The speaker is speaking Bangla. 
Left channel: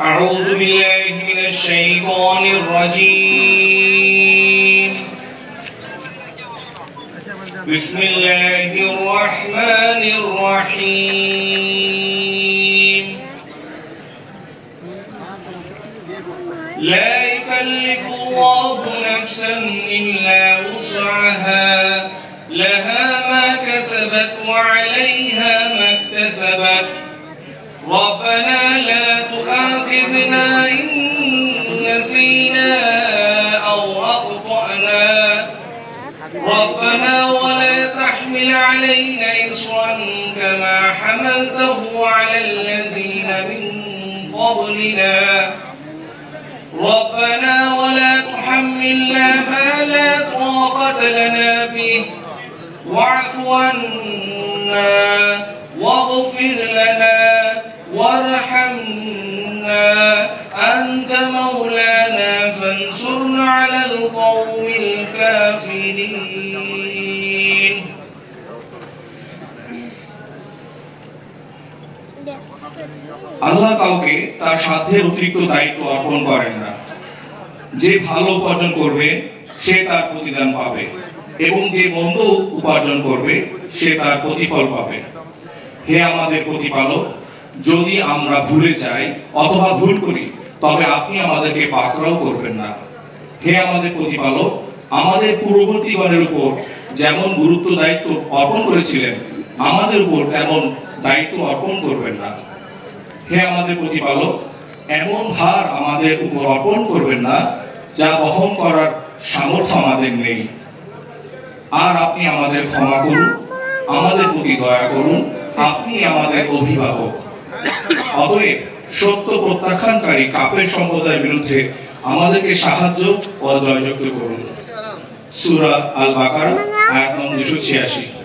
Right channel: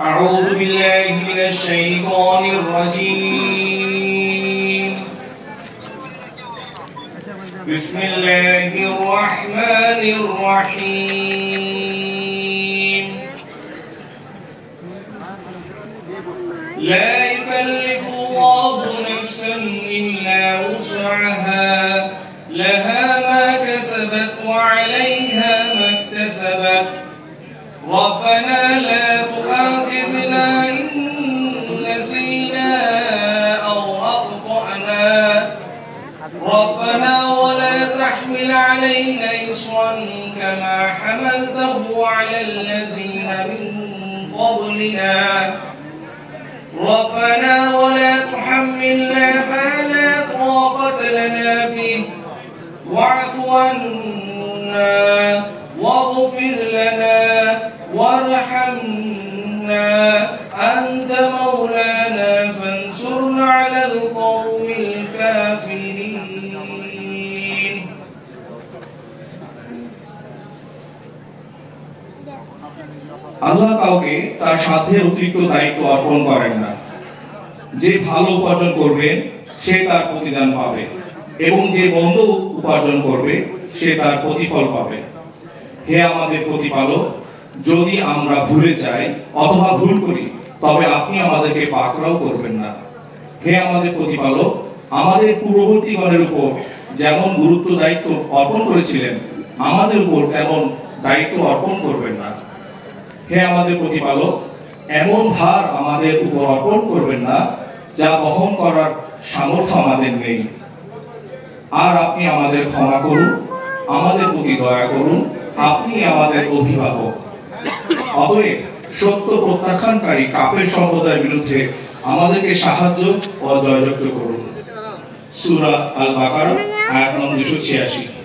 أعوذ بالله من الشيطان الرجيم بسم الله الرحمن الرحيم لا يكلف الله نفسا إلا وسعها لها ما كسبت وعليها ما اكتسبت ربنا لا تؤاخذنا إن نسينا أو أخطأنا ربنا ولا تحمل علينا إصرا كما حملته على الذين من قبلنا ربنا ولا تحملنا ما لا طاقة لنا به واعف عنا واغفر لنا وارحمنا أنت مولانا فانصرنا على القوم الكافرين আল্লাহ কাউকে তার সাধ্যের অতিরিক্ত দায়িত্ব অর্পণ করেন না। যে ভালো উপার্জন করবে সে তার প্রতিদান পাবে এবং যে মন্দ উপার্জন করবে সে তার প্রতিফল পাবে। হে আমাদের প্রতিপালক, যদি আমরা ভুলে যাই অথবা ভুল করি তবে আপনি আমাদেরকে পাকড়াও করবেন না। হে আমাদের প্রতিপালক, আমাদের পূর্ববর্তীগণের উপর যেমন গুরুত্ব দায়িত্ব অর্পণ করেছিলেন আমাদের উপর তেমন দায়িত্ব অর্পণ করবেন না। হে আমাদের প্রতিপালক, এমন ভার আমাদের উপর অর্পণ করবেন না যা বহন করার সামর্থ্য আমাদের নেই। আর আপনি আমাদের ক্ষমা করুন, আমাদের প্রতি দয়া করুন, আপনি আমাদের অভিভাবক। অতএব সত্য প্রত্যাখ্যানকারী কাফের সম্প্রদায়ের বিরুদ্ধে আমাদেরকে সাহায্য ও জয়যুক্ত করুন। সূরা আল বাকারা আয়াত নম্বর 286।